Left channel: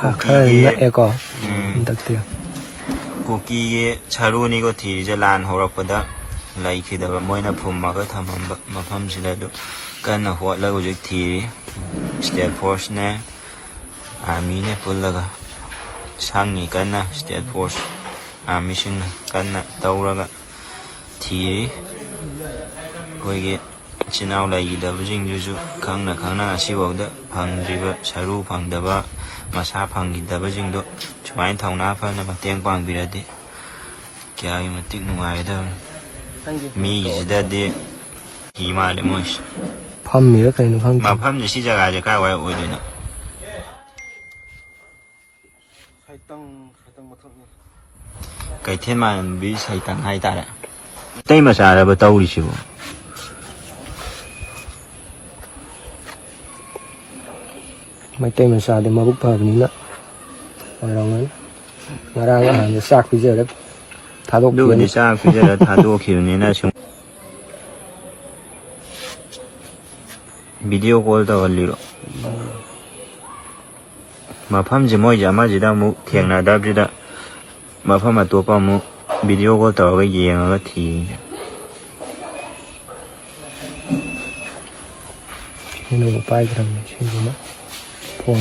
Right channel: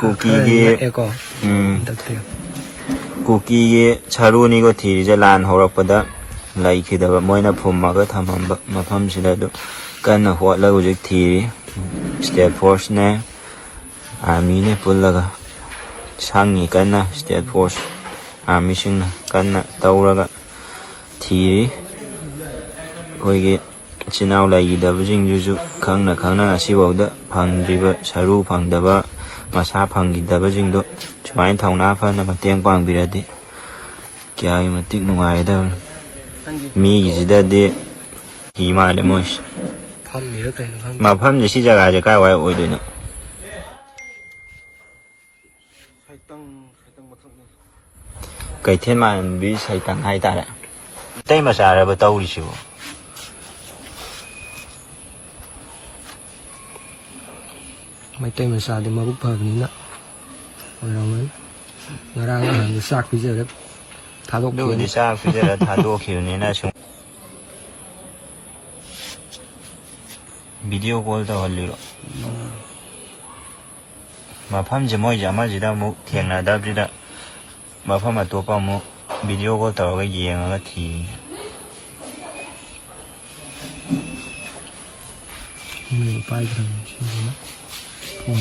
ꯀꯨꯀꯤꯒꯤ ꯀꯨꯀꯤꯒꯤ ꯁꯔꯨꯅꯤꯒ ꯊꯤꯔꯤꯁꯦ ꯂꯥꯟ ꯍꯧꯔꯛꯄꯗ ꯂꯩꯈꯤꯗꯕ ꯃꯣꯏꯅ ꯐꯨꯝꯃꯒ ꯊꯝꯃꯝꯕ ꯃꯐꯝꯁꯤꯗ ꯑꯗꯨ ꯀꯟꯅ ꯍꯣꯠꯂꯒ ꯍꯧꯖꯤꯛ ꯊꯤꯔꯤ ꯁ꯭ꯇꯦꯠ ꯐꯣꯔꯁꯅꯦ ꯑꯥꯔꯃꯤꯅꯦ ꯄꯨꯜꯂꯒ ꯁꯪꯉꯤ ꯀꯟꯅ ꯁ꯭ꯇꯦꯠ ꯐꯣꯔꯁ ꯑꯥꯔꯃꯤꯁꯤꯡꯅ ꯀꯟꯅ ꯇꯧꯔꯒ ꯊꯤꯔꯤ ꯑꯩꯈꯣꯏꯒꯤ ꯏꯆꯤꯟ ꯏꯅꯥꯎ ꯂꯩꯈꯤꯗꯕꯁꯤꯡꯗꯨꯁꯨ ꯈꯪꯅ ꯈꯪꯅ ꯉꯁꯤꯐꯥꯎꯗ ꯐꯪꯗ꯭ꯔꯤꯕ ꯁꯔꯨ ꯐꯪꯗꯕ ꯃꯁꯥ ꯐꯪꯈꯤꯗꯕꯁꯤꯡꯗꯣ ꯁꯨꯃꯥꯏꯅ ꯊꯧꯅꯥ ꯐꯅ ꯃꯇꯦꯡ ꯄꯥꯡꯕꯤꯔꯗꯤ ꯀꯌꯥꯒꯤ ꯃꯇꯤꯛ ꯅꯨꯡꯉꯥꯏꯒꯗꯕꯅꯤ ꯃꯤꯒꯤꯁꯤꯗꯗꯤ ꯀꯤ ꯃꯥꯜꯂꯦ ꯃꯣꯏꯁꯦ ꯃꯐꯝꯁꯦ ꯁꯤ ꯖꯒꯥꯁꯦ ꯀꯥꯏꯋꯥꯏ ꯑꯣꯏꯗꯣꯏꯅꯣ ꯀꯩꯊꯦꯜ ꯃꯥꯟꯕꯤ ꯁꯩꯇꯪ ꯍꯥꯏꯇꯥꯔꯦ ꯑꯇꯩ ꯃꯆꯥꯔꯕ ꯇꯧꯔꯤꯁꯤꯕꯨ ꯃꯩꯇꯩ ꯃꯆꯥꯗ ꯃꯕꯨꯛ ꯐꯕꯅꯤꯅ ꯉꯔꯥꯡ ꯑꯍꯥꯟꯕ ꯆꯥꯛ ꯄꯤꯖꯔ ꯑꯗꯨꯕꯨꯗꯤ ꯆꯥꯛ ꯄꯤꯖꯔ ꯊꯥꯗꯣꯛꯈꯤꯕꯅꯤꯅ ꯁꯨꯝ ꯚꯤꯗꯤꯑꯣ ꯀꯣꯜ ꯇꯧꯍꯜꯂꯤꯔꯣ ꯃꯐꯝꯁꯦ ꯃꯣꯏꯁꯦ ꯑꯃꯁꯤꯗ ꯑꯃꯨꯛ ꯊꯦꯡꯅꯗꯕꯁꯤꯗ ꯃꯐꯝ ꯑꯇꯣꯞꯄ ꯑꯃꯨꯛ ꯚꯤꯗꯤꯑꯣ ꯀꯣꯜ ꯇꯧꯔꯒ ꯌꯦꯡꯉꯒ ꯊꯤꯔꯤꯅꯦ ꯄꯥꯏꯈ꯭ꯔꯕꯅꯤ ꯁꯤꯁꯤꯅ ꯐꯣꯟ